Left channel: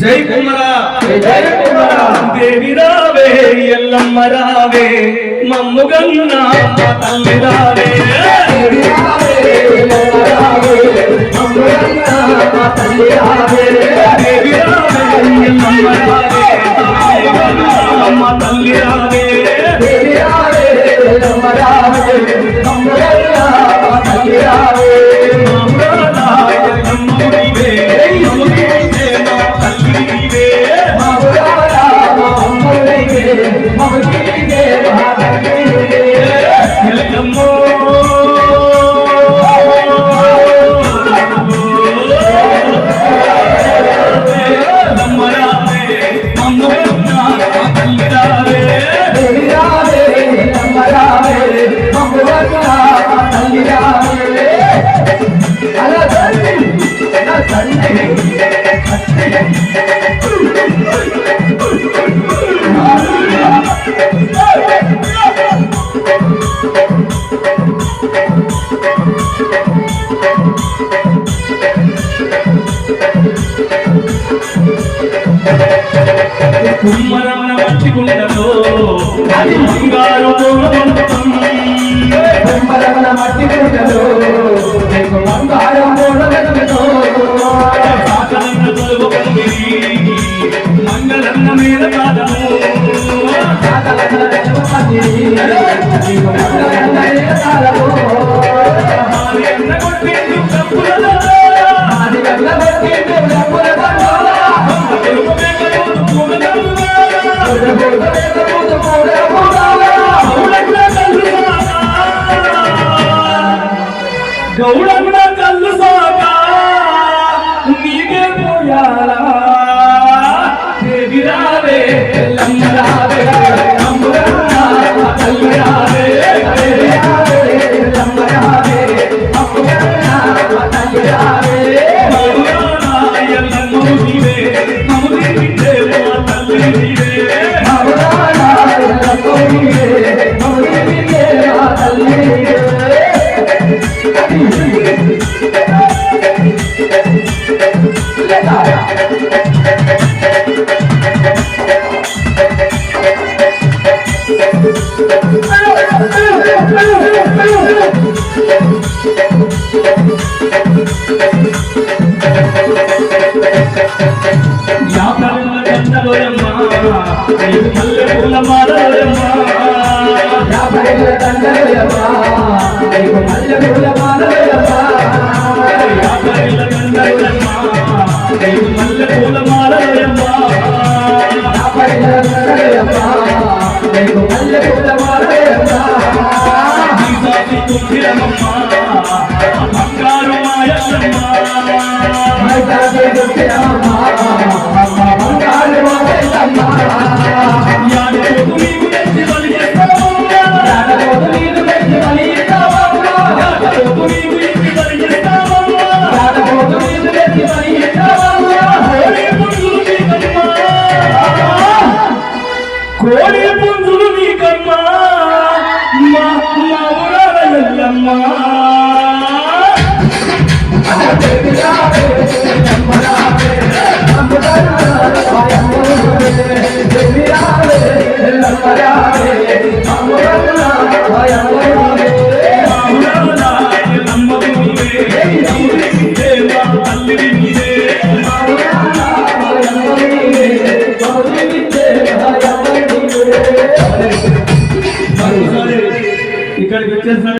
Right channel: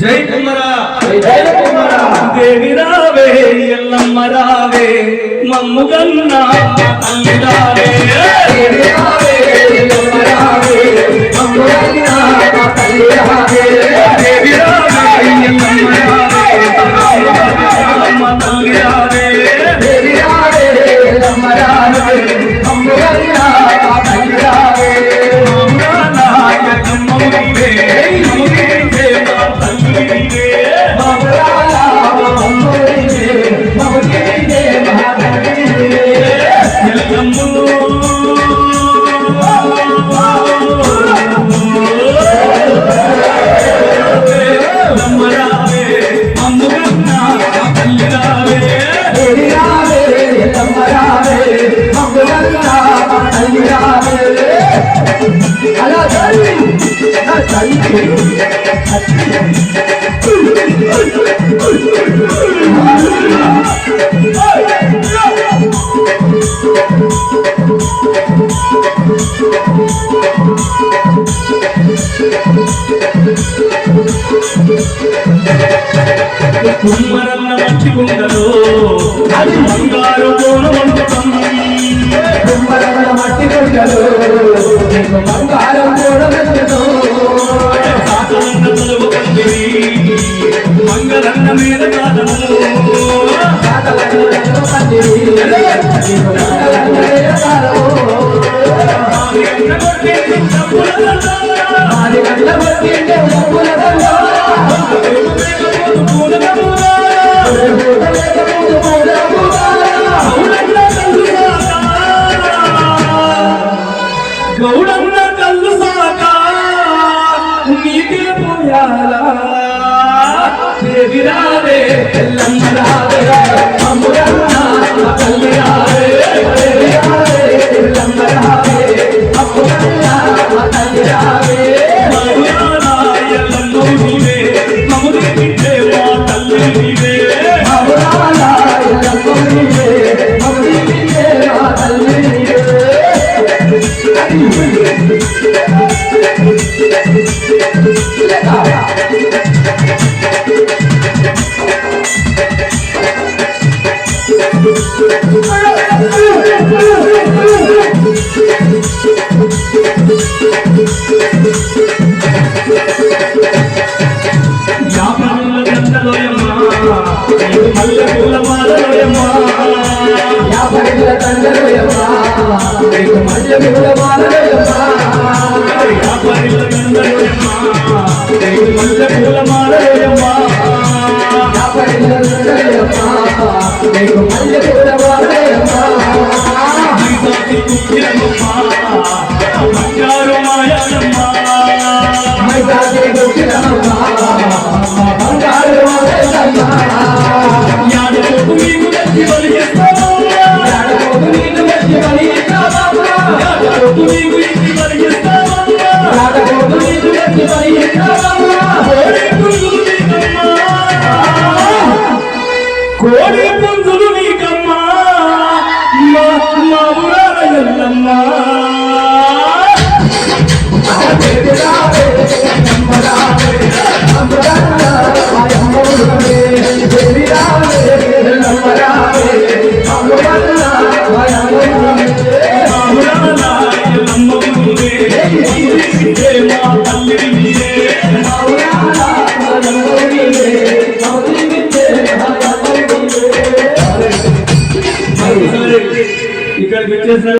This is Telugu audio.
జై కుమరా జై కుమరా దేవి రావే ఎల్లమ్మ రావే మమ్ముగన్న తల్లి రావే దేవి రావే ఎల్లమ్మ రావే మమ్ముగన్న తల్లి రావే దేవి రావే ఎల్లమ్మ రావే మమ్ముగన్న తల్లి రావే దేవి రావే ఎల్లమ్మ రావే మమ్ముగన్న తల్లి రావే మమ్ముగన్న ఎల్లమ్మ కుమ్మరమన మట్టిగుండలో బంగారు మండపం కుమ్మరమన మట్టిగుండలో బంగారు మంగళన్న మీద కాదము గౌడన్న కళ్ళు సాక నీకే పోయారా దేవి రావే ఎల్లమ్మ రావే మమ్ముగన్న తల్లి రావే దేవి రావే ఎల్లమ్మ రావే మమ్ముగన్న తల్లి రావే మమ్ముగన్న ఎల్లమ్మ నీవే మమ్ముని బిడ్డే మా తల్లి నీవే మమ్ముగన్న ఎల్లమ్మ నీవే మమ్ముని బిడ్డే మా తల్లి నీవే మల్లె పూల మాలయమ్మా యాభైల దండలయమ్మా మల్లె పూల మాలయమ్మా యాభైల దండలయమ్మా మల్లె పూల మాలయమ్మా యాభైల దండలయమ్మా మల్లె పూల మాలయమ్మా దీపాతి కుక్కిరమ్మా బంగారు మాయమ్మా మైదాది కుక్కిరమ్మా బంగారు మాయమ్మా యాడకు నీకు తెచ్చి బలిస్తావమ్మా యాడకు నీకు తెచ్చి బలిస్తావమ్మా యాడకు నీకు తెచ్చి బలిస్తావమ్మా యాడకు నీకు తెచ్చి బలిస్తావమ్మా కోడి పుంజులు నీకమ్మా మా ఊరాల ఎల్లమ్మ ఇక్కడికి వచ్చేసరికి